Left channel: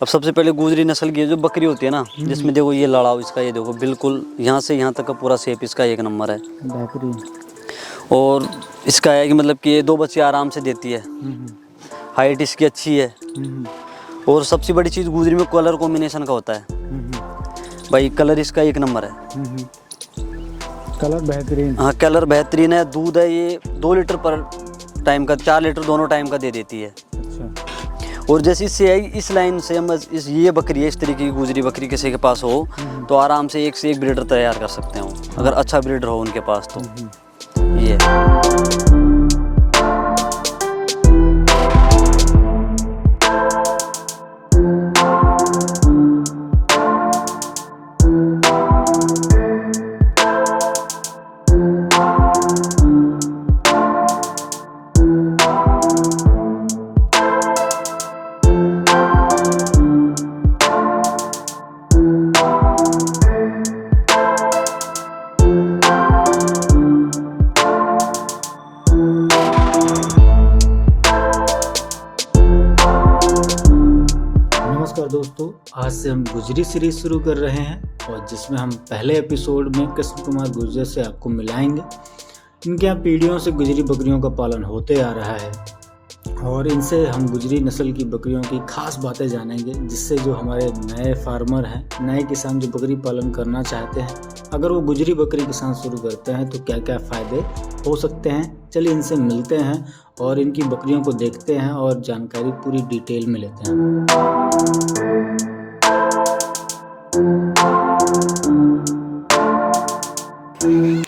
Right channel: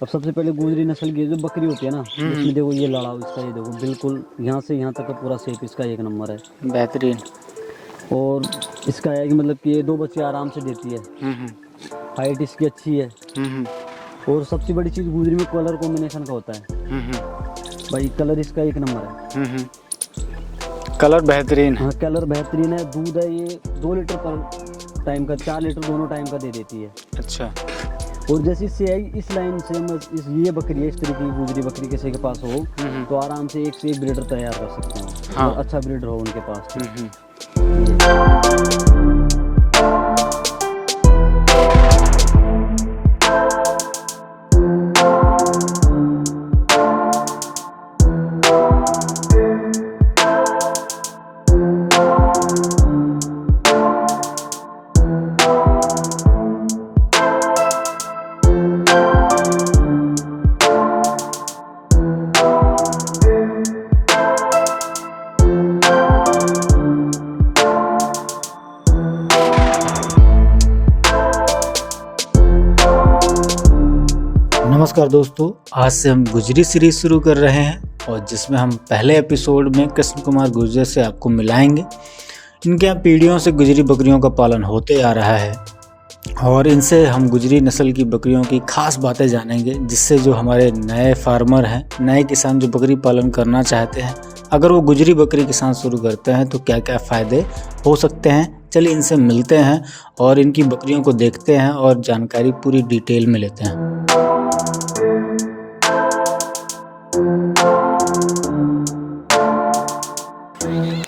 अब सबसे पहले गुजरी नस्ल की जो बकरी होती है ना, जिसमें देखो ये लड़ाव इसका, ये देखो बिल्कुल यहाँ से यहाँ तक का पूरा शेप इसका एक नंबर है। बेहतरीन। और इसका है कि मतलब कि ये 2 बच्चे आराम से देती है। हाइट इसकी अच्छी है। और सबसे बड़ी चीज़ गुजरी में कलर कॉम्बिनेशन का होता है भाई, कलर इसका एक नंबर है। कलर बेहतरीन। हाँ कलर बेहतरीन है। दूध है ये 2 लीटर पर टाइम का, 4 लीटर दोनों टाइम का दे देती है। अच्छा। और जैसे इससे आई इस लाइन से हम ये बकरी है, इस तरीके की गुजरी बकरी किसी के पास हो तो आराम से एक से एक ब्रीडर तैयार कर सकते हो। हाँ। अगर अच्छा ब्रीडर हो उनके पास तो ये नमस्कार दोस्तों, आज से हम गुजरी सीरीज शुरू कर रहे हैं और जिसमें हम पहले एपिसोड में कृष्ण कुमार गुर्जर से आपको मिलाएंगे। इनके यहाँ पीढ़ियों से गुजरी बकरियों का पालन होते आ रहा है और इनसे हम गुजरी नस्ल की बकरियों की खास बातें जानेंगे, जिससे जो हमारे नए फार्मर हैं, नए किसान जो बकरी पालन करना चाहते हैं, अगर वो गुजरी बकरी के साथ शुरू करते हैं तो क्या क्या फ़ायदे हो सकते हैं। चलिए इनसे मिलते हैं और इनकी बकरियों को देखते हैं और जानकारी पूरी डिटेल में लेते हैं।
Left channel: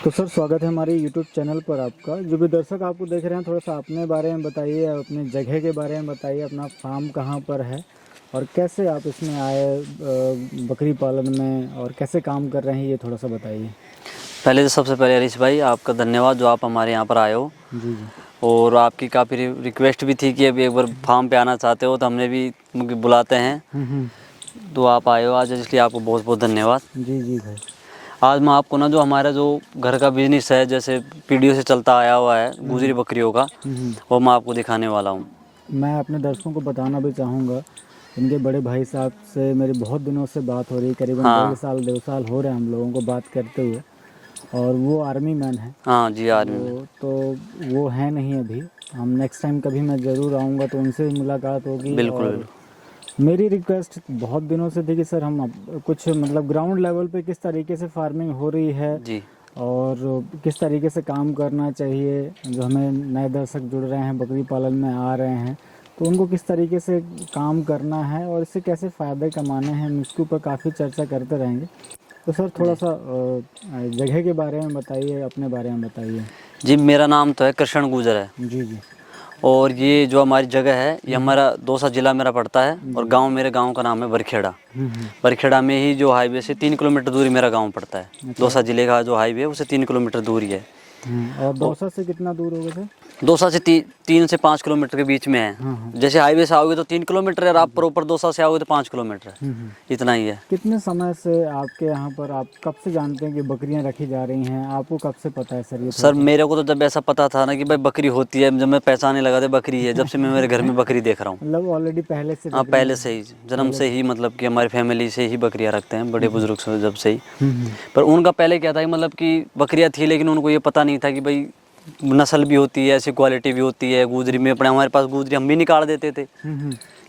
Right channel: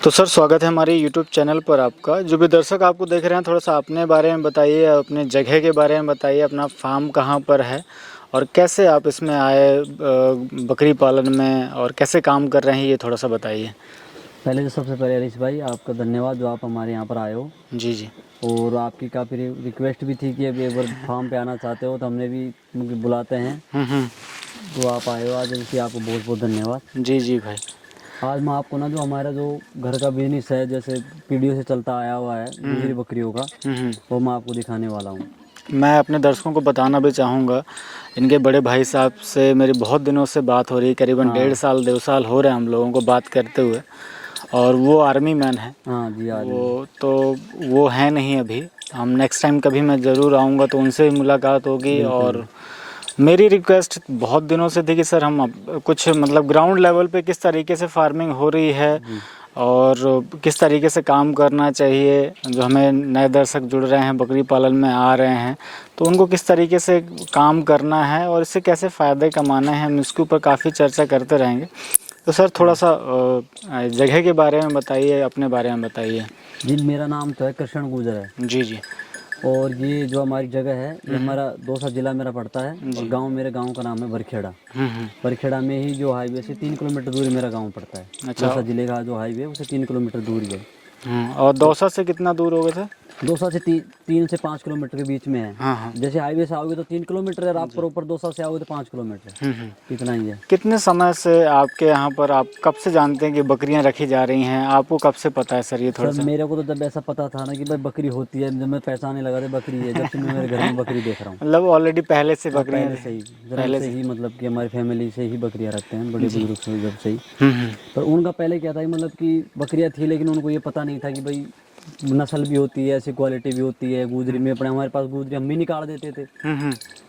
तो सर, स्वागत है हमारे YouTube चैनल पर आपका। जो भी दर्शक आपको देख रहे हैं, थोड़ा सा अपने बारे में बताइए, अपने जगह के बारे में बताइए, अपना फार्म कहाँ पर है और कैसे आप इसमें आए बकरी पालन में, और कैसे काम कर रहे हैं, ये थोड़ा सा बताइए। पहले तो सबसे पहले हरीश भाई आपका धन्यवाद जो आप हमारे यहाँ पर आए हो। जी जी। और आपकी काफ़ी रिक्वेस्ट भी थी कि अभी एक बार फार्म पे आना चाहते हो तो हमने भी बुलाते हैं तो आप आए हो आज, इसलिए आपको बहुत बहुत धन्यवाद। जी जी भाई। आज मैं आपको ना जो हमारा जो घर का बिजनेस है, जैसे पीढ़ियों से चलता आया हुआ है गुजरी बकरियों का, वो मैं आपको दिखाने वाला हूँ। मैं अपने दर्शकों को बताना भी चाहूँगा, इनके बड़े भाई साहब से मेरी बहुत दिनों से बात हो रही है, करीबन 1.5 साल हो रहे हैं हम लोगों को बात करते हुए, और वो आर्मी मैन है। हाँ जी आर्मी। वो है नहीं अभी। हम नेक्स्ट टाइम कभी मैं ज़रूर आऊँगा तो उनसे भी मुलाकात होगी। और मेरी रिक्वेस्ट बहुत दिनों से थी कि सर हम कुछ मतलब ग्राउंड लेवल पे किस तरीके से फार्मिंग हो रही है जी। और किस तरीके से काम करना चाहिए, जो हमें नए दर्शक जुड़ रहे हैं, बकरी पालन में आ रहे हैं, तो उनको किस तरीके से काम करना है और इससे कैसे फ़ायदे कमाने हैं, हम इसके ऊपर काफ़ी चर्चा करते रहेंगे। तो सर थोड़ा सा जगह के बारे में बताइए, अपने बारे में बताइए। जी मेरा नाम तो है कृष्ण गुर्जर है। जी जी। और ये जो हमारी जगह है ये हमारा दौसा जिला मेरा पड़ता है और गांव, मेरे गांव का नाम है बरखेड़ा। बरखेड़ा में ही जो हाईवे से 3 किलोमीटर दूरी मेरा गांव पड़ता है। अच्छा। दौसा जिले का जो हाईवे है उससे 3 किलोमीटर दूरी है। और दौसा से कितना दूर हो गए थे? दौसा से 3 से 5 किलोमीटर के बीच में है। हाँ। जैसे हाईवे से आओगे तो 3 किलोमीटर है, आप प्रॉपर दौसा से आओगे तो 5 किलोमीटर, इतना ही है। कितने समय से आपके यहाँ पर, आप कब से जानते हैं कि बकरियाँ रखी जा रही हैं, आपको कब से पता है सर? ये सर मेरे को तो जब ऐसा पता था ना कि भाई बकरी होती है, जब मैं पहचाने लगा था बकरी है, जब से मैं मेरे घर में बकरी देख रहा हूँ। मतलब ऑलरेडी पहले से? हाँ पहले से ही, जन्म से ही, मतलब कि हमारी फैमिली से ही बकरियाँ रखते हैं, बड़े बुजुर्ग से जब से ही। पर उनका पहले क्या था कि मतलब कि बकरियाँ थी लेकिन उनको ये पता नहीं था कि भाई नस्ल भी होती है, ऐसी क्वालिटी भी होती है। गुजरी में अपने हमारे पास गुजरी हम भी निकाल देते थे।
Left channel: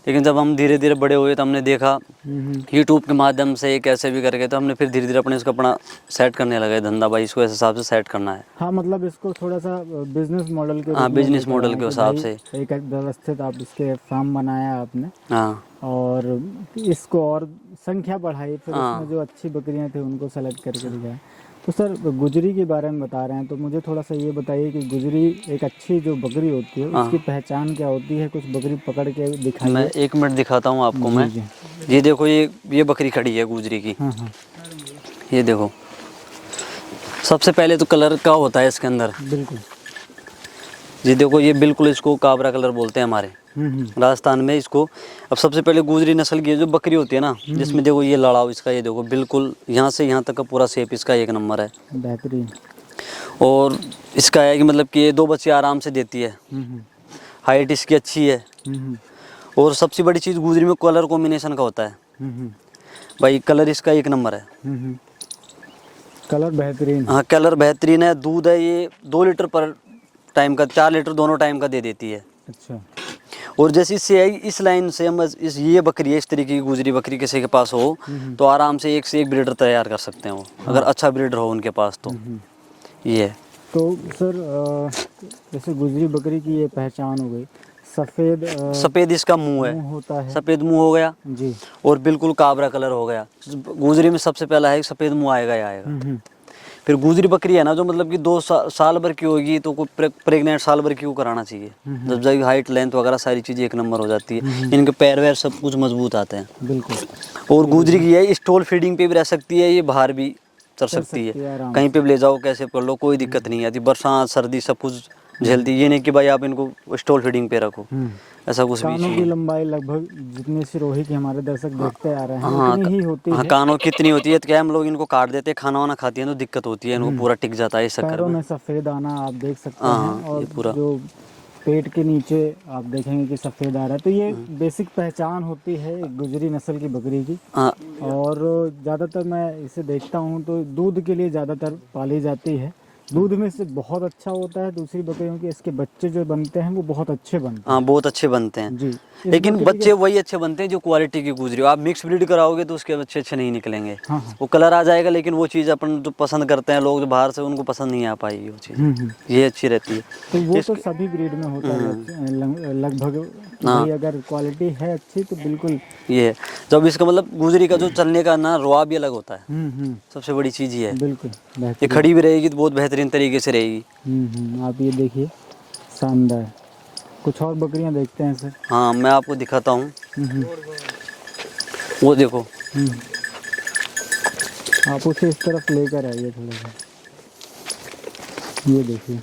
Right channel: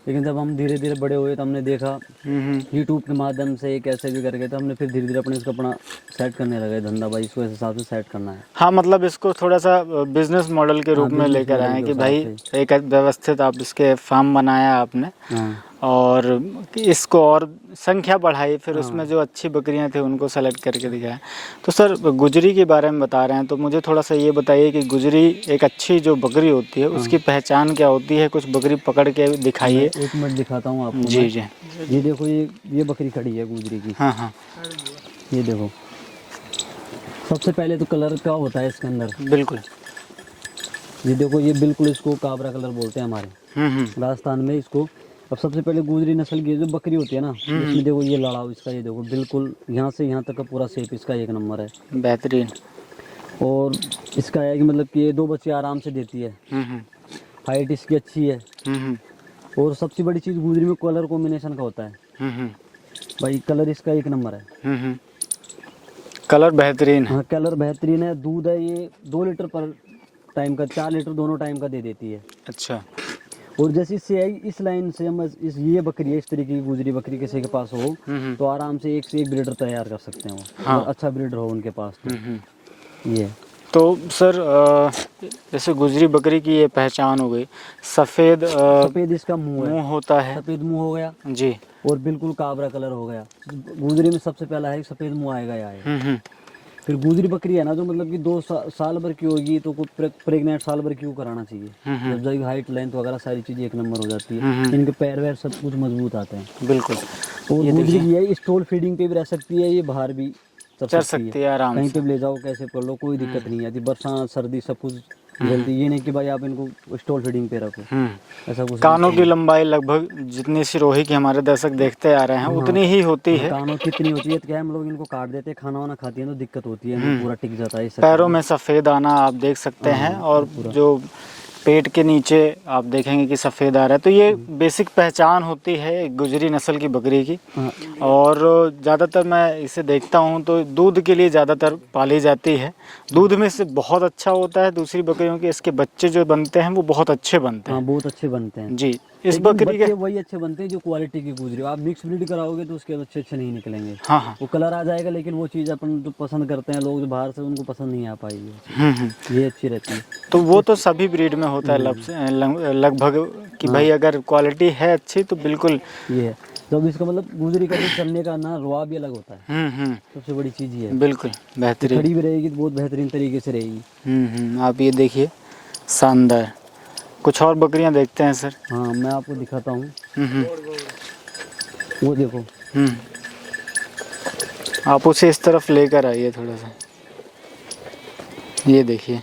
लेकिन जब हम धीरे धीरे बड़े हुए तो हमने देखा यूट्यूब के माध्यम से कैसे भी करके, तो हमने फिर धीरे धीरे अपने इसको अपना सेट करने लगे धंधा, भाई इसको इस हिसाब से सेट करना है। हाँ, मतलब इसको थोड़ा सा बिजनेस मॉडल के रूप में लेकर आए कि भाई एक व्यवस्थित आप इसके फार्म बनाया आपने। हाँ। और इसको और संख्या बढ़ाई, फिर उसमें जो अच्छी बकरियां थी उनको सेलेक्ट करके दिखाया। तो सर गुजरी के बारे में बता रहे हैं तो मुझे थोड़ा सा ये बताइए कि गुजरी एक अच्छी जो बकरी होती है उसकी पहचान क्या होती है? कुछ बकरी पकड़ के दिखाइए। 1 मिनट दिखाता हूँ आपको। जी मैं जी। ये देखो, ये बकरी खड़ी है गुजरी की। हाँ। ये देखो, सबसे पहले तो कलर का होता है इसके अंदर। बिल्कुल। ये देखो, ये बिल्कुल इसको काबरा कलर बोलते हैं हमारे राजस्थान में इसको। अब सबसे पहले गुजरी नस्ल की जो बकरी होती है ना, जिसमें देखो ये लड़ाव इसका, ये देखो बिल्कुल यहाँ से यहाँ तक का पूरा शेप इसका एक नंबर है। बेहतरीन। और इसका है कि मतलब कि ये 2 बच्चे आराम से देती है। हाइट इसकी अच्छी है। और सबसे बड़ी चीज़ गुजरी में कलर कॉम्बिनेशन का होता है हम्म। भाई, कलर इसका एक नंबर है। हम्म। कलर बेहतरीन है। हाँ कलर बेहतरीन है। दूध है ये 2 लीटर पर टाइम का, 4 लीटर दोनों टाइम का दे देती है। अच्छा। और जैसे इससे आई इस लाइन से हम इस ये बकरी है, इस तरीके की गुजरी बकरी किसी के पास हो तो आराम से एक से एक ब्रीडर तैयार कर सकते हैं वो, हाँ। अगर अच्छा ब्रीडर हो उनके पास तो। ये है। तो सर जैसे गुजरी बकरी की ये पहचान हो गई, सफ़ेद सफ़ेद इसका मुंह है, मुंह होता है सफ़ेद मुंह हो गया जी। और बिल्कुल काबरा कलर हो गया। गुजरी में सबसे पहला है सफ़ेद मुंह आएगा ही आएगा। फिर गुजरी बकरी है ना जो मतलब कि 2 साल भर की होगी तो कोई प्रेग्नेंट साल भर की कराना चाहिए। जब जाएगी हाइट लेंथ वगैरह सारी चीज़ें एक नंबर हो जाती है, इनके पैर वैर सब कुछ मजबूत आते हैं। बिल्कुल। और गुजरी की है स्टॉल फीडिंग पे भी रह सकती है, ये बाहर भी चल सकती है आराम कहीं से। पे भी ले जाओ कैसे कर लो, कोई दिक्कत नहीं आती। बरसात सर्दी सब कुछ झेलती, ये नहीं कि भाई आप इनको स्टॉल फीडिंग पे रखो, ऐसा कुछ कानों भी की नहीं। लंबाई लगभग जितनी सिरोही की हमारे दर्शक देखते आ रहे हैं उतनी ही होती हाँ है। कानों कितनी होती है तो क्या हम लोग इनको काट देते हैं, खाना वाना खाती है तो दिक्कत होती है, इनको पूरा टिक जाता है इस चक्कर पैरों में सफ़ेद आना आप देख सकते हैं, हाँ, और पूरा। जो पेट के नीचे आप देखेंगे कि सफ़ेद आ रहा है, तो ये बेसिक पहचान होती है गुजरी नस्ल की बकरी की। हाँ और ज़्यादातर मैं इसे देखता हूँ तो दूध के लिए ज़्यादातर पाली जाती है। दूध में से बहुत अच्छा होता है, दूसरी बकरियों के इसके बच्चे जो बनते हैं वो बहुत अच्छे बनते हैं। हाँ बहुत अच्छे बनते हैं जी। इस लेकिन बकरी बच्चे के वही अच्छे बनते हैं जो क्वालिटी की गुजरी हो। आप मिक्स ब्रीड कराओगे तो उसके बच्चे अच्छे नहीं निकलेंगे। हाँ हाँ। वो कलर आ जाएगा लेकिन वो चीज़ अपन जो पसंद करते हैं लोग जो बाहर से, उनको पसंद नहीं आ पाएगी वो चीज़। ये अच्छी रहती है। तो वो तो सभी ब्रीड में होता है लगभग कि भाई अगर क्वालिटी है अच्छी तो बिल्कुल। ये है जब इसका मतलब गुजरी का जो चलने का ना रुआब भी अलग होता है। सबसे बड़ी चीज़ ये है। बिल्कुल ये बेहतरीन। खड़ी भी रहेगी तो बहुत बेहतरीन तरीके से रहेगी। आप ये देखिए शानदार। कुछ और बकरियां देखते हैं सर। हाँ मैं आपको दिखाता हूँ, वो देखो। आप उसे इस तरफ लेकर आइए थोड़ा सा। ये देखिए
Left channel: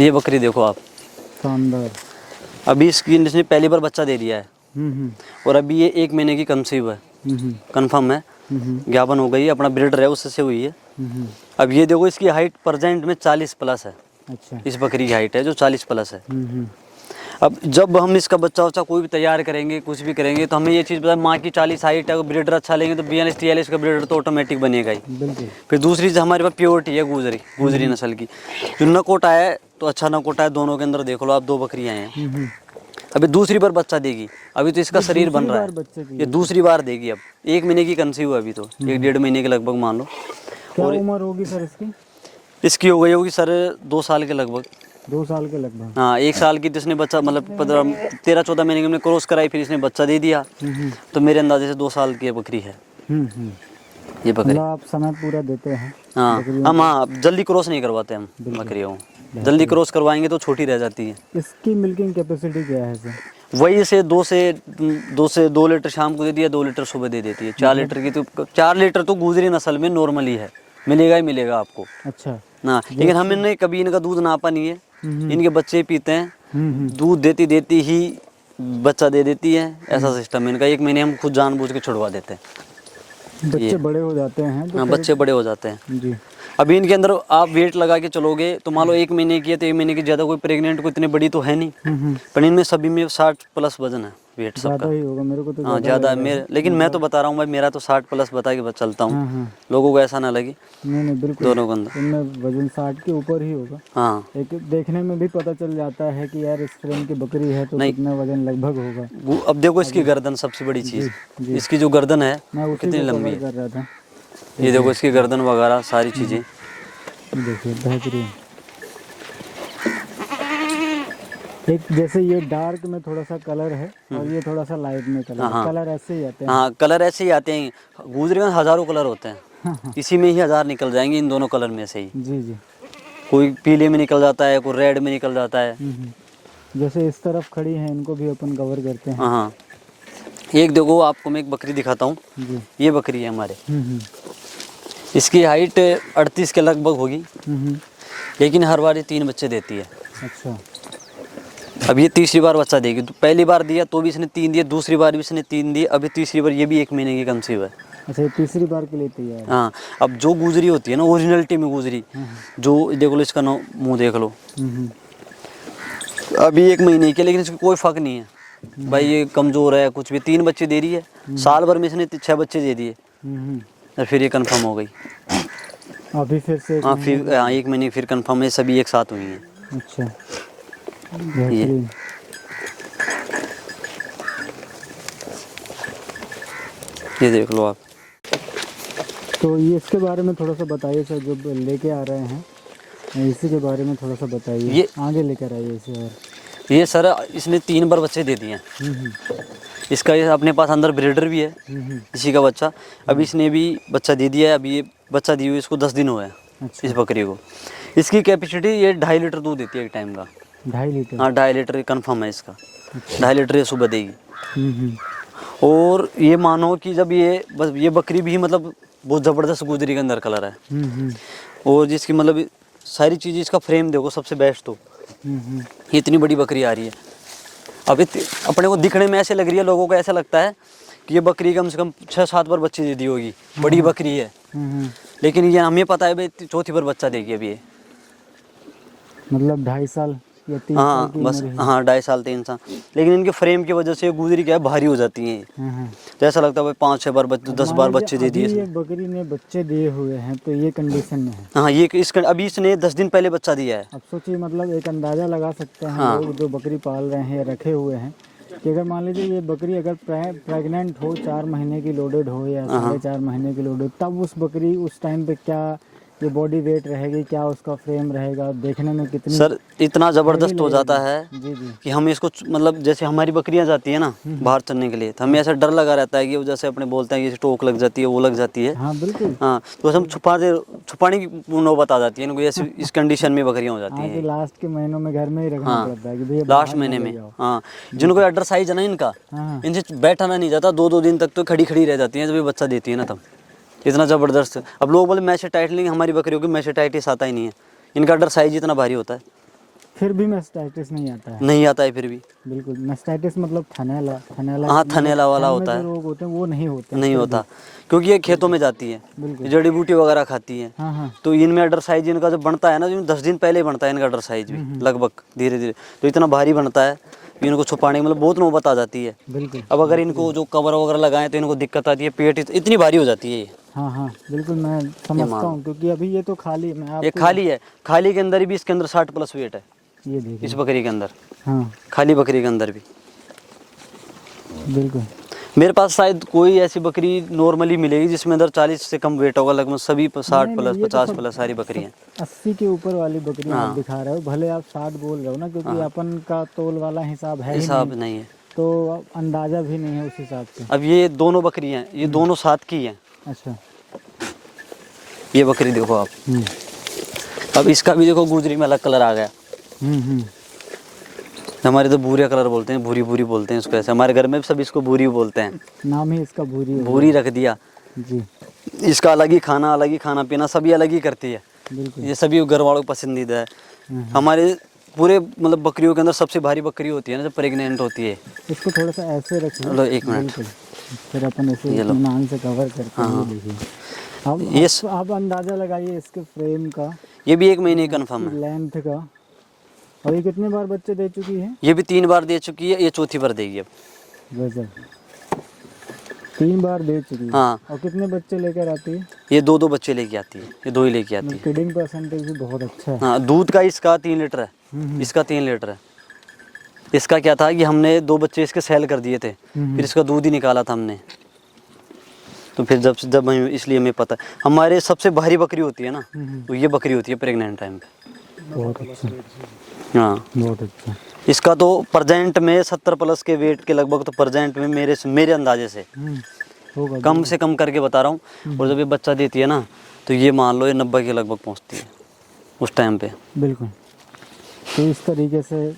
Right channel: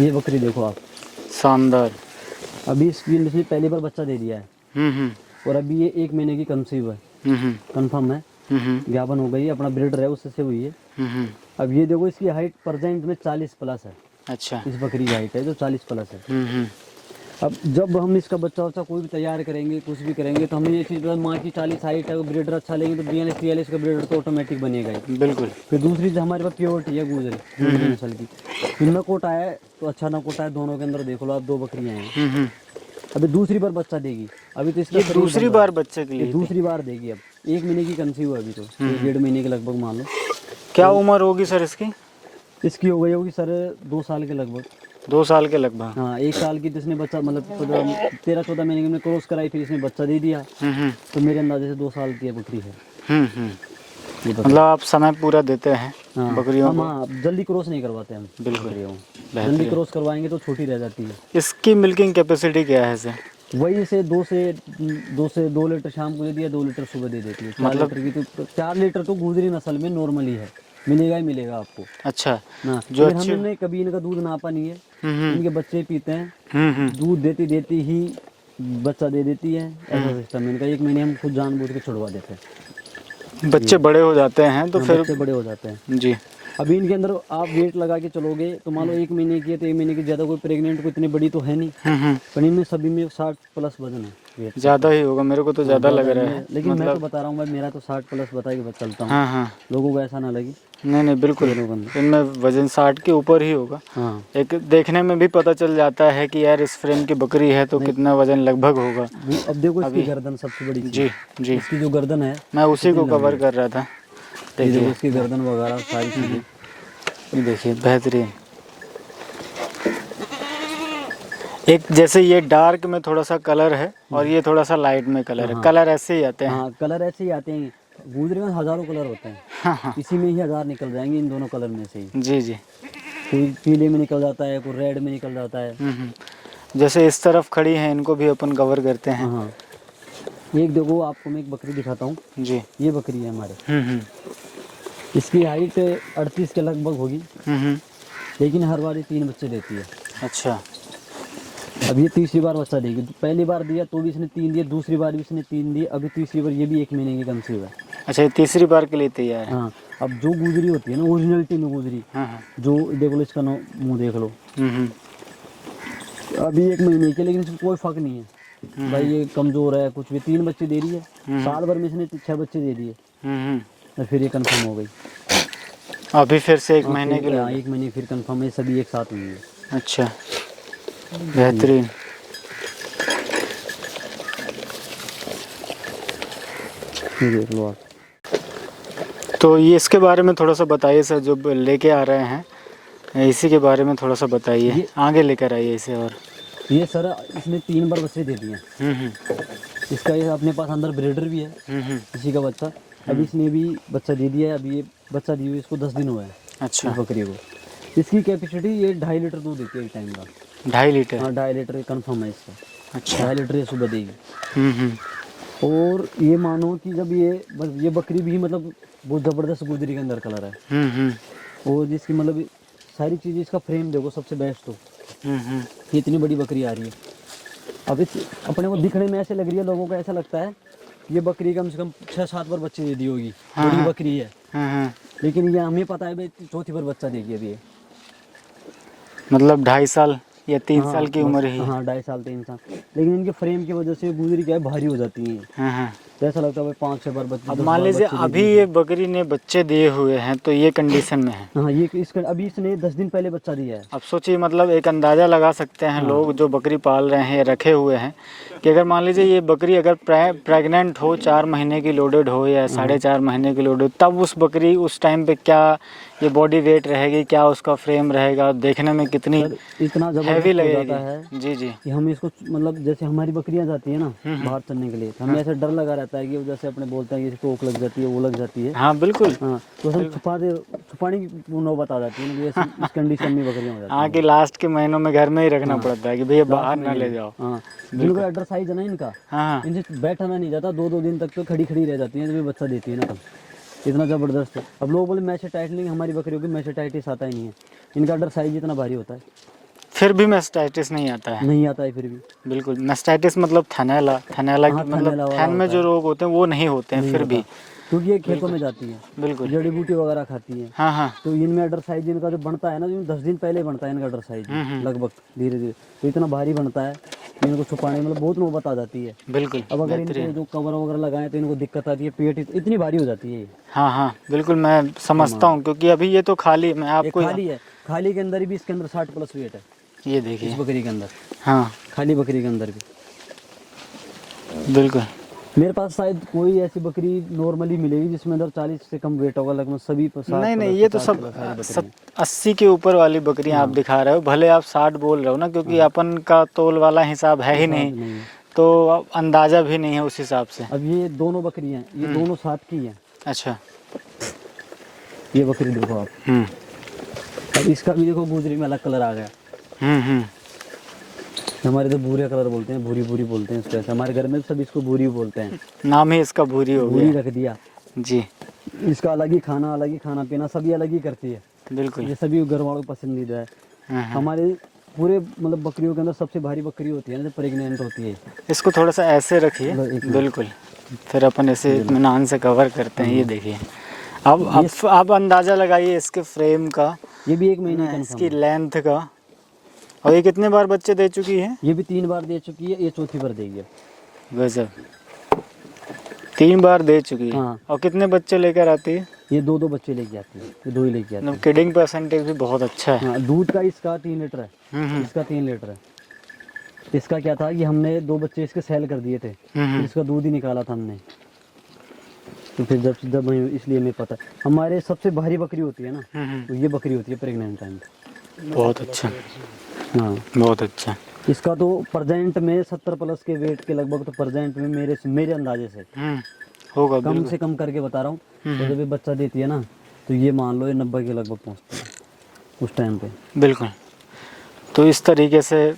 ये बकरी देखो आप, शानदार। अभी इसने पहली बार बच्चा दे दिया है और अभी ये 1 महीने की कंसीव है, कंफर्म है, ज्ञापन हो गई, अपना ब्रीडर है उससे हुई है। अब ये देखो इसकी हाइट प्रेजेंट में 40 प्लस है। अच्छा। इस बकरी की हाइट है जो 40 प्लस है। अब जब हम इसका बच्चा वच्चा कोई भी तैयार करेंगे कुछ भी करेंगे तो हमें ये चीज़ पता है, माँ की 40 हाइट है, ब्रीडर अच्छा लेंगे तो 42-43 का ब्रीडर तो ऑटोमेटिक बनेगा ही। बिल्कुल। फिर दूसरी चीज़ हमारे पास प्योरिटी है गुजरी नस्ल की। जो नकोटा है तो अच्छा नकोटा है, दोनों के अंदर देख लो आप 2 बकरियाँ हैं। अभी दूसरी बार बच्चा देगी, अभी तो इसका शरीर बन रहा है, बच्चे के लिए ये दूसरी बार देगी। अब 1 महीने की कंसीव है अभी तो, 1-1.5 महीने के लगभग मान लो। क्या उम्र होगी सर इसकी? इसकी हो गई होगी सर 2 साल के लगभग। 2 साल के लगभग। हाँ 1 साल की जिसने बच्चा मतलब 13-14 महीने की हमने क्रॉस कराई, फिर इसने बच्चा दे दिया। तो मेरे अंदाजे से 2 साल की बकरी है ये बकरी। मतलब आप समय पूरा देते हैं हाँ बकरियों हम, हाँ जल्दी क्रॉस नहीं करवाते हम बकरियों को, जल्दी क्रॉस करवाएंगे तो छोटी रह जाती है। इसकी मिल्किंग कैपेसिटी क्या है सर? वही से 2 लीटर शाम को दे दिया, 2 लीटर सुबह दे देती है। 4 लीटर की तो 4 लीटर तो गुजरी नस्ल में नॉर्मली है, मिलेगा ही मिलेगा आपको। अच्छा ना लेकिन हमने कभी इनका दूध नापा नहीं है, इनके बच्चे पीते हैं, दूध देती ही बच्चा दे देती है, ऐसा सिस्टम है इनका। 1 महीने हम खुद जानबूझ के छुड़वा देते हैं। बच्चे बड़े हो जाते हैं तो हाँ, फिर बच्चे बड़े हो जाते हैं जी। अभी इनके अंदर आप वेट लगा के चलोगे तो मान लो 1 महीने की है तो 1 महीने की ज़्यादा कोई प्रेग्नेंट को इतनी बड़ी तो है नहीं, पर इनमें सभी में 60 प्लस वजन है वेट। ज़्यादा ही होगा, मेरे को तो हाँ ज़्यादा लग ज़्यादा रहा है है। लेकिन मैं तो बता रहा हूँ भाई, मेरा तो 60 प्लस बता के चलता हूँ। हाँ। लोगों को ऐसा ना लगे। नहीं बिल्कुल, दोनों के अंदर इनमें वजन 60 के ऊपर ही होगा। हाँ एक देखने में भी पता चल जाता है कि यार इस फ्रेम की बकरी है तो कितना वजन लगभग होगा। अब देखो इसकी गर्दन सबसे बड़ी चीज़, जी। इसकी जो गर्दन है मैं उसी को कवर कर रहा था। ये देखो इसकी गर्दन वगैरह सारी चीज़ें देखिए बेहतरीन। एक जैसे ये डार्क में थोड़ा सा कलर है और ये थोड़ा सा लाइट में कलर है, कलर ऐसे ही आते हैं। हाँ कलर ऐसे ही आते हैं, गुजरी में हज़ारों कलर होते हैं, इसी में ही 1000 निकल जाएंगे इन दोनों कलर में से ही। जी। कोई पीले में निकल जाता है, कोई रेड में निकल जाता है। जैसे इस तरफ खड़ी हैं इनको भी अपन कवर करते हैं। हाँ एक देखो आपको मैं एक बकरी दिखाता हूँ जी। ये बकरी है हमारे, इसकी हाइट 38 के लगभग होगी, लेकिन हर बार ये 3 बच्चे देती है। अच्छा। अब ये तीसरी बार बच्चा देगी, तो पहली बार दिया तो भी इसने 3 दिए, दूसरी बार भी इसने 3 दिए, अभी तीसरी बार ये भी 1 महीने की कंसीव है। अच्छा, ये तीसरी बार के लिए तैयार है। हाँ, अब जो गुजरी होती है ना ओरिजिनलिटी में गुजरी, हाँ हाँ। जो देखो लो इसका मुंह देख लो, हम्म। अभी 1 महीने की, लेकिन इसका कोई फर्क नहीं है भाई, ये कमज़ोर है कुछ भी। 3 बच्चे दे रही है, साल भर में इसने 6 बच्चे दे दिए, और फिर ये कंफर्म हो गई। अभी फिर से 1 हाँ, महीने फिर 1 महीने फिर कंफर्म है, सभी एक साथ हुई हैं। अच्छा, बेहतरीन। ये देख लो आप। तो ये इसके बारे में थोड़ा सा बताइए सर, जो लेके आ रहे हैं इसी के बारे में थोड़ा सा बताइए। ये आगे लेकर आइए इसे। और ये सर इसने 3 बार बच्चे दे दिए हैं। इसका ये अपने पास अंदर ब्रीडर भी है, इसी का बच्चा। अभी इसने भी बच्चा दे दिया है, अभी ये बच्चा दिए हुए इसको 10 दिन हुए हैं। अच्छा, इस बकरी को। इसकी कैपेसिटी ये 2.5 लीटर दूध देती है एक टाइम का। 2.5 लीटर? हाँ, 2.5 लीटर कन्फर्म है इसका। अच्छा, 2.5 लीटर ये सुबह देगी। और ये मानो कि जब ये बकरी भी मतलब बहुत ज़बरदस्त गुजरी के अंदर कलर है। और जिसकी मतलब सारी चीज़, इसका फ्रेम देखो सबसे बेस्ट। तो ये इतनी बड़ी बकरी आ रही है। अब अपने को दिखने में ऐसे लग रही है, लोगों को ऐसा लगता है कि ये बकरी कम से कम 6-7 बार बच्चे दे दी होगी, बड़ी बकरी है। लेकिन ये हमें पता है भाई 4थी बार बच्चा देगी अभी ये। मतलब 2.5 साल या 3 साल की उम्र ही? हाँ, 2.5 साल 3 साल। लेकिन इनके फ्रेम की वजह से गुजरी क्या है, भारी हो जाती हैं। तो ऐसा लगता है भाई 5-6 बार बच्चे, 10 बार बच्चे दे दिए। अभी ये बकरी ने बच्चे दिए हुए हैं तो ये कंडीशन में है। हाँ, ये अभी इसने 10 दिन पहले बच्चा दिया है। अब सोचिए, मतलब एक अंदाज़ा लगा सकते हैं लोग जो बकरी पाल रहे हैं या रखे हुए हैं, कि अगर मान लीजिए ये बकरी अगर प्रेग्नेंट हो, 4 महीने की लोडेड हो या 4.5 महीने की लोडेड, तब उस बकरी उस टाइम पे क्या ये बॉडी वेट रहेगी, क्या उसका फ्रेम रहेगा, देखने में कितनी सर इतना ज़बरदस्त हो जाता है जी जी कि हम इसको मतलब जैसे हमारी बकरियां जाती है ना बाहर चलने के लिए, तो हमें ऐसा डर लगा रहता है कि वो जैसे अपने बोलते हैं कि टोक लग जाती है, वो लग जाती है। हाँ बिल्कुल। हाँ, तो हम छुपाने की नौबत आ जाती है इनको, ऐसी इस कंडीशन में बकरियां हो जाती हैं। हाँ, कि लास्ट के महीनों में घर में ही रखना पड़ता है कि भैया लास्ट महीने में। हाँ, जिनको अडर साइज है ना इनका, हाँ, इनसे बैठाना नहीं जाता, 2-2 दिन तक तो खड़ी रह जाती है जब ये बच्चा देती है ना, तब इतना ज़बरदस्त है। अब लोग बोले मैस्टाइटिस, लेंगे हमारी बकरियों की मैस्टाइटिस आता ही नहीं है, इनका अडर साइज इतना भारी होता है। फिर भी मैस्टाइटिस नहीं आता है? नहीं आता है फिर भी। बिल्कुल, मैस्टाइटिस मतलब थनैला। हाँ, थनैला वाला थन में होता जो है, रोग होते हैं वो नहीं होते हैं। नहीं फिर होता भी। क्योंकि ये खेतों में जाती है, बिल्कुल, जड़ी बूटी वगैरह खाती है। हाँ हाँ, तो इनमें अडर साइज इनका जब बनता है ना, तो 10 दिन पहले बनता है इनका अडर साइज लगभग, धीरे धीरे तो इतना भारी बनता है कि इनको छुपाने मतलब बहुत नौबत आ जाती है। बिल्कुल। अब अगर इनको जो कवर वगैरह लगाएं तो इनको दिक्कत आती है, पेट इतनी भारी हो जाती है ये। हाँ हाँ बिल्कुल, मैं समझता हूँ, क्योंकि अभी ये तो खाली, मैं ये आपको खाली है, खाली के अंदर भी इसके अंदर 60+ वेट है, ये देखिए इस बकरी के अंदर। हाँ खाली बकरी के अंदर भी बिल्कुल। मेरे पास शायद कोई ऐसी बकरी नॉर्मली मिलेगी जिसमें अंदर 40 से कम वेट होगा, लगभग सभी 60+, 50+ सारी बकरियाँ। 80 के ऊपर वाली बकरियाँ आप दिखा रहे हो, भले आप 60 बोल रहे हो ना, क्योंकि अपन का तोल वाला हिसाब है ही नहीं है, तो अब अंदाज़ा भी नहीं है उस हिसाब से। अब ये दोनों बकरियाँ, ये दोनों साथ की हैं। अच्छा, ये बकरी देखो आप, अब इसका भी देखो गुजरी में अलग कलर आ गया। हमारे तो भूरिया कलर बोलते हैं, भूरी भूरी बोलते हैं इसको, ऐसे हमारे घर में सब इसको भूरी बोलते हैं, नाम ही इसका भूरी हो भूरी रख दिया जी। इसका अलग ही खाना पीना सभी अलग ही करती है। बिल्कुल, ये सभी घर वालों को पसंदीदा है। हमारे पूरे मतलब बकरियों के अंदर सबसे भारी बकरी होती है ना जब प्रेग्नेंट होती है। इसको थोड़ा सा ऐसे रखिए, बिल्कुल, फिर अपन ऐसे इत्मीनान से कवर करते हैं। ये देखिए, अब आप अंदाज़ा लगाइए इसके फ्रेम का, ये भी 1 महीने कन्फर्म इसकी लेंथ का। और ये कितने बार बच्चे दे चुकी है? ये भी 3 बार दे चुकी है, ये 4थी बार देगी अब। वैसे 3 बार दे चुकी है। हाँ। और कितने बच्चे लेकर आती है? ये 2-2 बच्चे लेके आती है, ये 2 ही लेके आती है। किडिंग परसेंटेज भी बहुत अच्छा है। हाँ, दूध का इसका 3 लीटर है, इसका 3 लीटर है। इसका क्या था कि हमने 2 बच्चे इसके सेल कर दिए थे, फिर इसका दूध ही निकाला था हमने। तो फिर जब इसलिए हमें पता है, हमारे सबसे भारी बकरी होती है ना, तो ये बकरी होती है प्रेग्नेंट टाइम पे। बहुत अच्छा, हाँ बहुत अच्छा। इसका तो प्रेजेंट में 70+ के वेट के लगभग, तो प्रेजेंट में मेरे अंदाजे से होगा, कम से कम करके बता रहा हूँ। और जब ये बच्चा देती है ना, तो ये मान लो ये 90 के लगभग पहुँचती है उस टाइम पे। बिल्कुल। तो इस तरीके से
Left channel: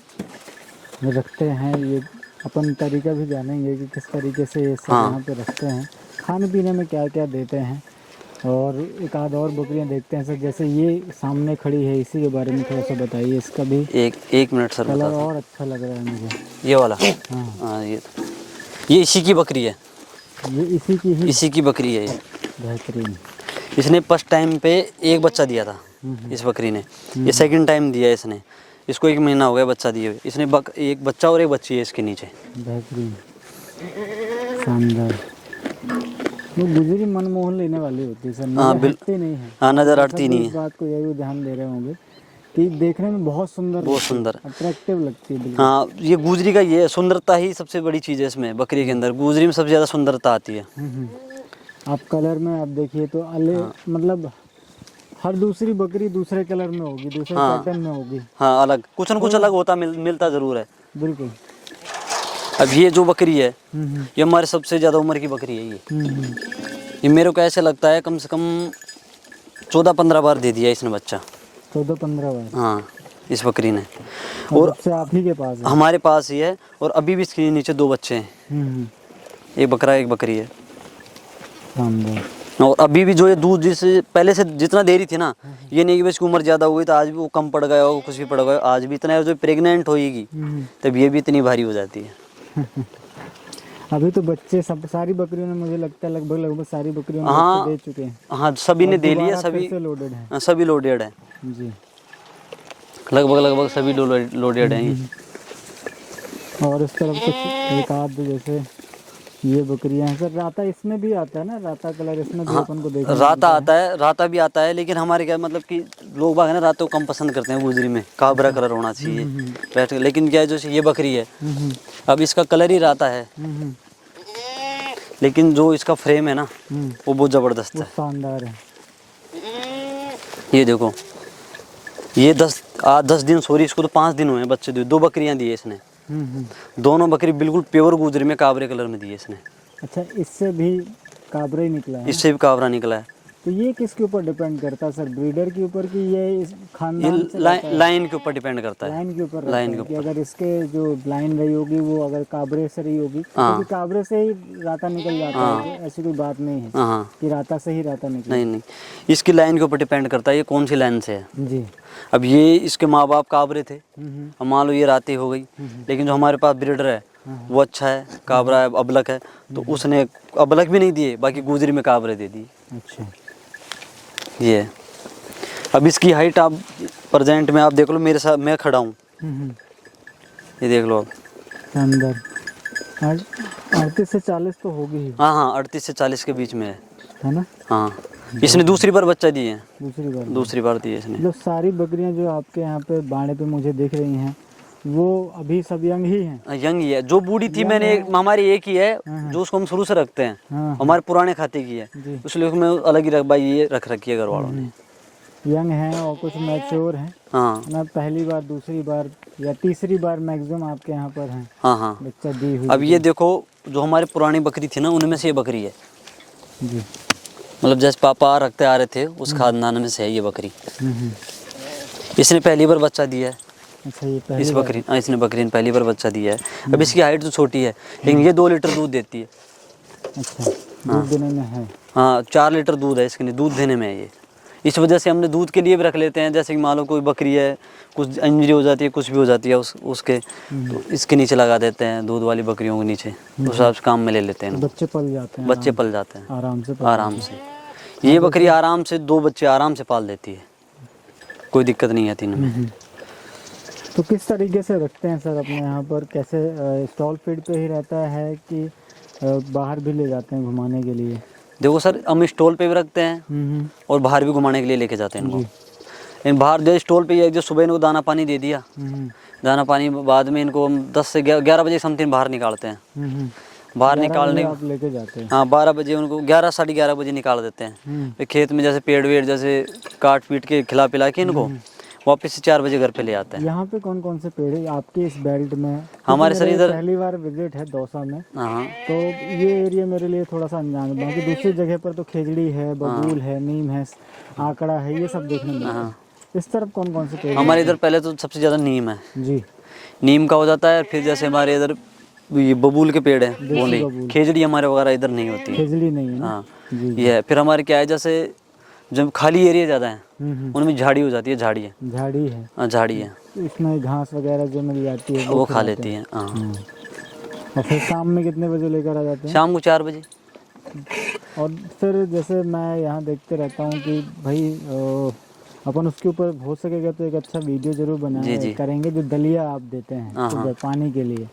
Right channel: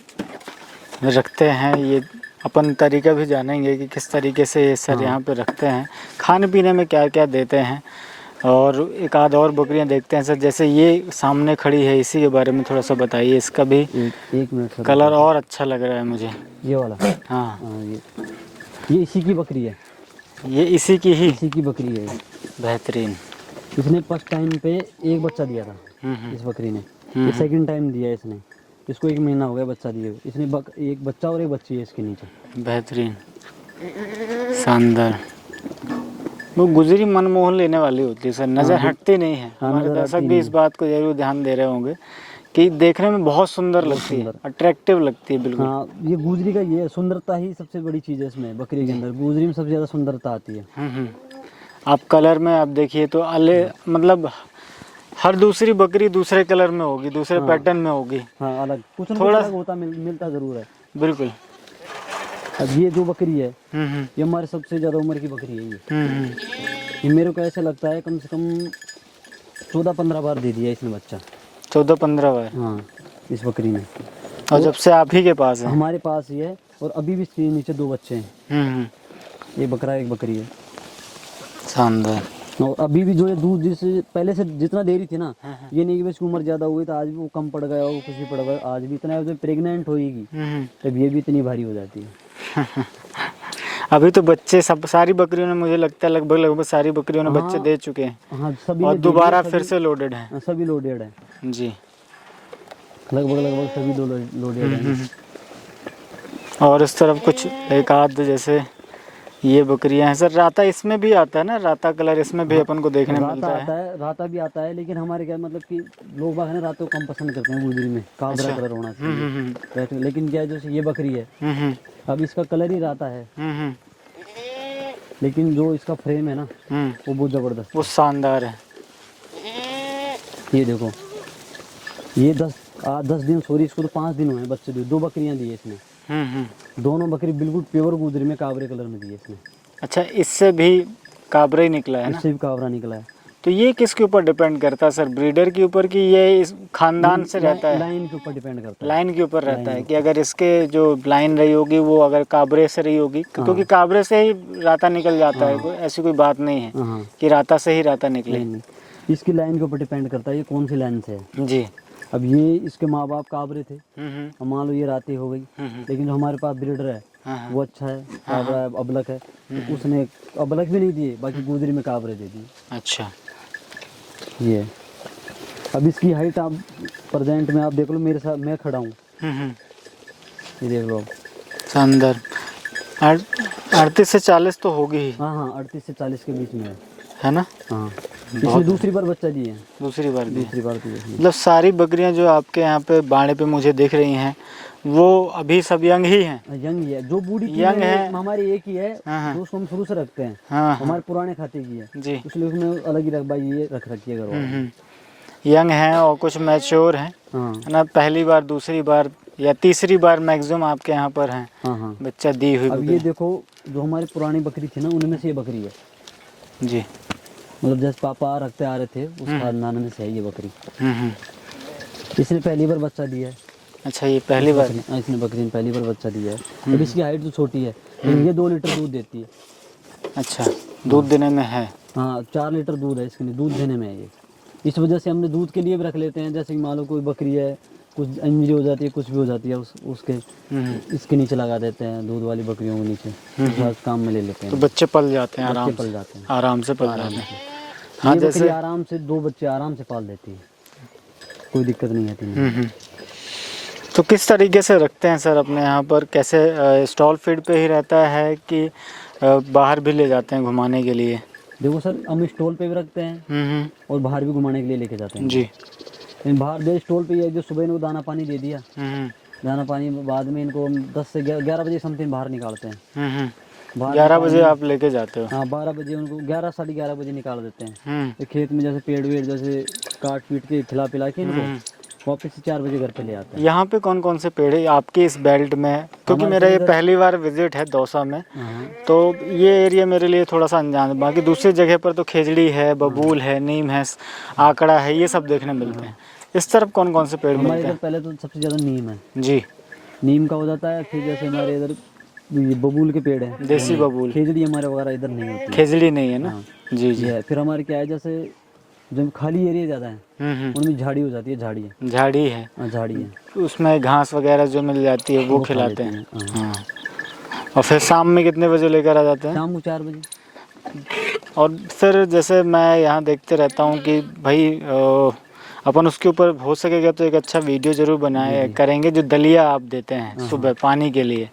रखते हैं, ये अपन तरीका भी जानेंगे कि किस तरीके से ये सब यहाँ पे रखते हैं, खाने पीने में क्या क्या देते हैं। और एक आध और बकरियाँ देखते हैं सर, जैसे ये सामने खड़ी है, इसी के बारे में थोड़ा सा बताइए। इसका भी एक मिनट सर, कलर और अच्छा लग रहा है मुझे, ये वाला। हाँ हाँ, ये इसी की बकरी है। ये इसी की बकरी है ये। बेहतरीन। इसने फर्स्ट टाइम पे एक बच्चा दिया था इस बकरी ने, ये सेकंड टाइम दिया है इसने। इसको 1 महीना हो गया बच्चा दिए हुए। इसने एक बच्चा और एक बच्ची है इसके नीचे। बेहतरीन, शानदार। वो गुजरी मनमोहन लेने वाली होती है सर, नज़र हटती नहीं है। हाँ, नज़र दर्शक हटती भी नहीं इस बात को जरूर ध्यान दे रहे होंगे कि देखने में बहुत सुंदर लगती है, अट्रैक्टिव लगती है बिल्कुल। हाँ, ये गुजरी का ये है, सुंदरता ही सबसे बड़ी चीज़ है इसमें। बकरी के अंदर गुजरी में सबसे ज़्यादा सुंदरता आती है। आप कलर में आप देखिए तो मतलब हर दूसरी बकरी दूसरे कलर में होगी, दूसरे पैटर्न में होगी। हाँ, अलग कुछ न कुछ अलग होता मिलता ज़रूर है। बिल्कुल। अब ये जो बकरी है ये हमारे सबसे ज़्यादा उम्र की बकरी है ये मेरे को ऐसे लगता है कम से कम 14-15 बार दे दिया इसने बच्चा। 14-15 बार? हाँ, इस बकरी ने। और जब से आप ही के पास है? हमारे पास ही है, और अभी भी इसके नीचे 2 बच्चे हैं। एक बकरा एक बकरी है। शानदार। और अभी भी जो ये दूध जिससे पहले से जितना दे रही थी ना, ये नहीं कि इसकी उम्र ज़्यादा हो गई तो आज भी वो कम पड़ गया हो, कुछ भी पड़ गया, आज भी इतना जो प्रेग्नेंट होएगी तब ये भी इतनी भारी हो जाती है। अभी तो बच्चे सारी बकरियों ने, मुझे लगता है लगभग सारी बकरियों ने बच्चे दे चुके हैं। हाँ, सभी ने दे लिया, दोबारा फिर से लोडेड है। सभी लोडेड है जी, लगभग सभी लोडेड हैं। और इस तरफ कुछ एक आध जैसे ये बकरियां हैं सर। राता इसमें भी आता है ना, राता कलर इसमें भी अपन को देखने को राता आता है, राता भी आता है, लेकिन हमारे क्या मतलब कि लोग बाग है ना रातों को कम पसंद करते हैं गुजरी में, काबरा कलर होना चाहिए। लेकिन क्या है, जैसे ये बकरी है अब इसका कलर ही राता है, लेकिन जो इसका फ्रेम है ना वो बहुत ज़बरदस्त, वो शानदार है। ये देखो, ये 10 दिन, सॉरी इसको तो 5 दिन हुए हैं बच्चे दिए। 2 बकरियां दी है इसने। दोनों बकरी बिल्कुल प्योर गुजरी में काबरे कलर में दी है इसने। अच्छा, इससे भी काबरा ही निकला है? इससे भी काबरा निकला है। तो ये किसके ऊपर डिपेंड करता है सर, ब्रीडर के ऊपर कि ये इस खानदान से रहता है? लाइन के ऊपर डिपेंड करता है। लाइन के ऊपर रहता है कि अगर इसके जो लाइन रही होगी वो अगर काबरे से रही होगी, क्योंकि काबरे से ही राता निकल जाता है, ऐसी कोई बात नहीं है कि राता से ही राता निकले। नहीं, इसकी लाइन के ऊपर डिपेंड करता है ये कौन सी लाइन से है। जी। अब ये इसके माँ बाप काबरे थे, अब मान लो ये राती हो गई, लेकिन जो हमारे पास ब्रीडर है वो अच्छा है, काबरा है, अबलक है, तो उसने अबलक भी नहीं दिए, बाकी गुजरी में काबरे दे दिए। अच्छा, ये अब इसकी हाइट आप प्रेजेंट में आप देख लो, मेरे साथ मैं खड़ा हूँ, ये देख लो आप। शानदार। 38 से 40 तो होगी ही। हाँ, 38 से 40 के बीच में है ना? हाँ, इसने दूसरी बार बच्चा दिए हैं। दूसरी बार दिए इसने। मतलब सारी बकरियां जो आपके यहाँ पे बाड़े पे मुझे दिख रही हैं वो अभी सब यंग ही हैं? यंग ही है। जो बूढ़ी थी मैंने हमारी एक ही है जो उसको हम शुरू से रखते हैं, हमारे पुराने खाते की है जी, इसलिए मैं अलग ही ये रख रखी है घर वालों। यंग हैं और कुछ मैच्योर हैं। हाँ ना, पहली बार, दूसरी बार या तीसरी बार मैक्सिमम आपके यहाँ पर हैं। हाँ, बच्चा दी हुई। अब ये देखो, जो हमारी पुरानी बकरी थी ना उनमें से ये बकरी है जी। मतलब जैसे पापा रखते आ रहे थे उस खानदान में से है ये बकरी। इसने पहली बार बच्चा दिया है। अच्छा, ये पहली बार? इसने बकरी ने पहली बार बच्चा दिया है। अब इसकी हाइट तो छोटी है, लेकिन ये 2 लीटर दूध देती है। अच्छा, दूध देने में है? हाँ, 4 लीटर दूध है इसके लिए, दूध देने में है ये। इस वजह से हमने दूध के लिए भी रख लेते हैं, जैसे कि मान लो कोई बकरी है, कुछ इंजरी हो जाती है, कुछ भी हो जाती है उसके इसके नीचे लगा देते हैं, दूध वाली बकरियों के नीचे, उस हिसाब से काम में ले लेते हैं। तो बच्चे पल जाते हैं? बच्चे पल जाते हैं आराम से। ये बकरी आराम से 2 बच्चे आराम से पाल देती है, कोई दिक्कत नहीं आती इन्हें। तो किस तरीके से रखते हैं सर अपने यहाँ पर? कैसे, स्टॉल फीड पे ही रहता है कि बाहर भी ले जाते हैं घुमाने के लिए? देखो सर, हम स्टॉल पे भी रखते हैं और बाहर भी घुमाने के लिए लेके जाते हैं जी। लेकिन बाहर जो स्टॉल पे जो सुबह इनको दाना पानी दे दिया, दाना पानी बाद में इनको हम 10 से 11 बजे समथिंग बाहर निकालते हैं। बाहर 11 बजे आप लेके जाते हो? हाँ, 12 बजे उनको 11 साढ़े 11 बजे निकाल देते हैं। फिर खेत में जैसे पेड़ वेड़ जैसे काट पीट के खिला पिला के इनको वापस से 4 बजे घर पे ले आते हैं। यहाँ पे कौन कौन से पेड़ है आपके इस बेल्ट में? हमारे मेरा ये पहली बार विजिट है दौसा में, तो ये एरिया मेरे लिए थोड़ा सा अनजान है। बाकी दूसरी जगह पर तो खेजड़ी है, बबूल है, नीम है, आकड़ा है, ये सब देखने मिलते हैं। इस तरफ कौन कौन से पेड़? हमारे इधर पहले तो सबसे ज़्यादा नीम है जी, नीम का हो जाता है। फिर जैसे हमारे इधर ये बबूल के पेड़ हैं, देसी बबूल। खेजड़ी हमारे वगैरह इधर नहीं होती, खेजड़ी नहीं है ना? जी, ये है। फिर हमारे क्या है, जैसे जब खाली एरिया ज़्यादा है उनमें झाड़ी हो जाती है, झाड़ी है। हाँ, झाड़ी है, उसमें घास वगैरह जो मिल जाती है वो खा लेती है। और फिर शाम में कितने बजे लेकर आ जाते हैं? शाम को 4 बजे। और सर जैसे मैं यहाँ देखते रहता हूँ कि भाई अपन उसके ऊपर हो सकेगा तो एक अच्छा वीडियो जरूर बनाए करेंगे। जो दलिया आप देते हैं सुबह पानी के लिए,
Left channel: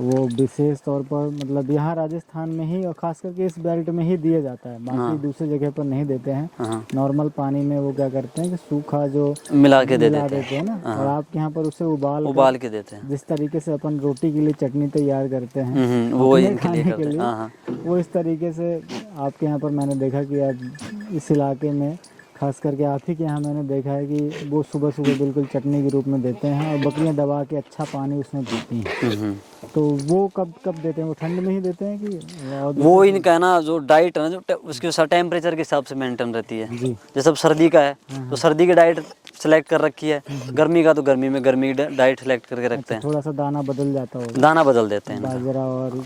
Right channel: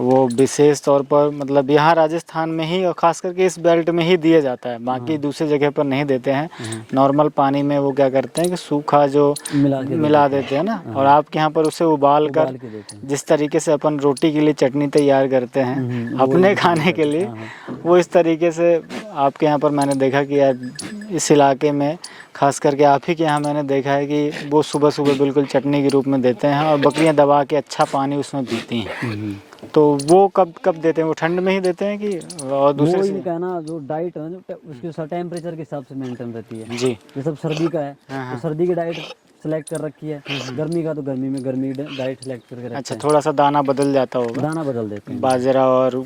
वो विशेष तौर पर मतलब यहाँ राजस्थान में ही और ख़ास करके इस बेल्ट में ही दिया जाता है, बाकी दूसरी जगह पर नहीं देते हैं। नॉर्मल पानी में वो क्या करते हैं कि सूखा जो मिला देते हैं ना, और आपके यहाँ पर उसे उबाल के देते हैं। जिस तरीके से अपन रोटी के लिए चटनी तैयार करते हैं अपने खाने के लिए, वो इस तरीके से आपके यहाँ पर मैंने देखा कि यार इस इलाके में खास करके आप ही के यहाँ मैंने देखा है कि वो सुबह सुबह बिल्कुल चटनी के रूप में देते हैं और बकरियां दबा के अच्छा पानी उसमें पीती हैं। तो वो कब देते हैं? वो ठंड में ही देते हैं कि वो इनका है ना जो डाइट है ना, जो उसके टेम्परेचर के हिसाब से मेंटेन रहती है जी। जैसे अब सर्दी का है तो सर्दी की डाइट सेलेक्ट कर रखी है, गर्मी का तो गर्मी में गर्मी की डाइट सेलेक्ट करके रखते हैं। थोड़ा सा दाना बदल जाता होगा, दाना बदल देते हैं। बाजरा और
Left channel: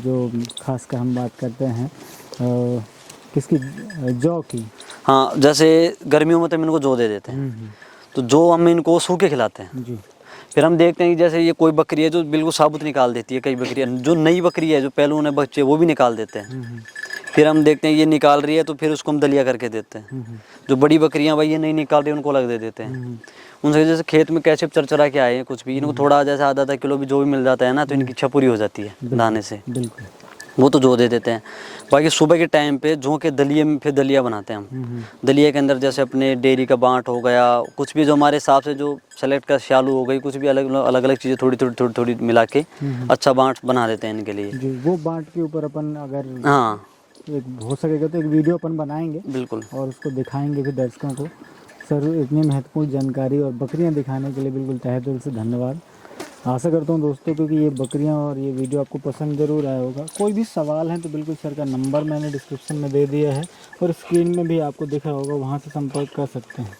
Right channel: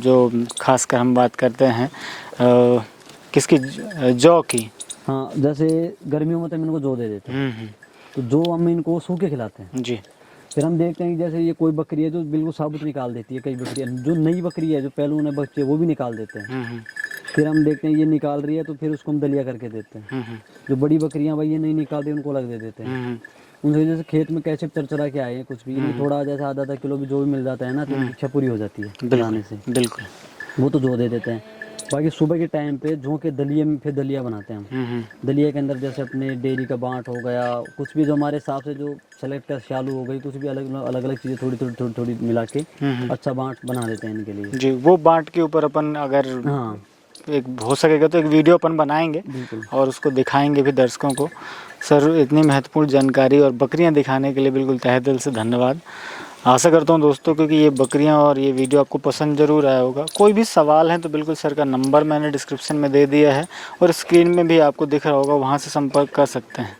जो खासकर हम बात करते हैं किसकी, जौ की। हाँ, जैसे गर्मियों में तो हम इनको जौ दे देते हैं, तो जौ हम इनको सूखे खिलाते हैं जी। फिर हम देखते हैं कि जैसे ये कोई बकरी है जो बिल्कुल साबुत निकाल देती है, कई बकरियाँ जो नई बकरी है जो पहलू ने बच्चे वो भी निकाल देते हैं। फिर हम देखते हैं ये निकाल रही है तो फिर उसको हम दलिया करके देते हैं। जो बड़ी बकरियाँ भाई ये नहीं निकाल रही उनको अलग दे देते हैं। उनसे जैसे खेत में कैसे चरचरा के आए हैं कुछ भी, इनको थोड़ा जैसे आधा किलो भी जो भी मिल जाता है ना तो इनकी इच्छा पूरी हो जाती है खिलाने से। बिल्कुल, वो तो जौ दे देते हैं। बाकी सुबह के टाइम पे जौ के दलिए में फिर दलिया बनाते हैं हम। दलिए के अंदर जैसे अपने डेयरी का बाँट हो गया, कुछ भी जो हमारे हिसाब से जो सेलेक्ट कर शालू हो गई, कुछ भी अलग अलग चीज़ें थोड़ी मिला के अच्छा बाँट बना देते हैं इनके लिए जी। वो बाँट के ऊपर अपन अगर हाँ एक हो सकेगा तो एक वीडियो अपन बनाएंगे बिल्कुल, और उसको दिखाएंगे भी दर्शकों को। सर इतनी महत्वपूर्ण जानकारी और बकरियां दिखाने के लिए बिल्कुल तहे दिल से धन्यवाद। आशा करता हूं दोस्तों क्योंकि ये बकरियां और ये वीडियो आपको पसंद ज़रूर आया होगा। कोई भी सवाल है तो बिल्कुल सर का नंबर मैंने डिस्क्रिप्शन में दे दिया है और स्क्रीन में भी आपको दिख रहा होगा, वहां से संपर्क कर सकते हैं।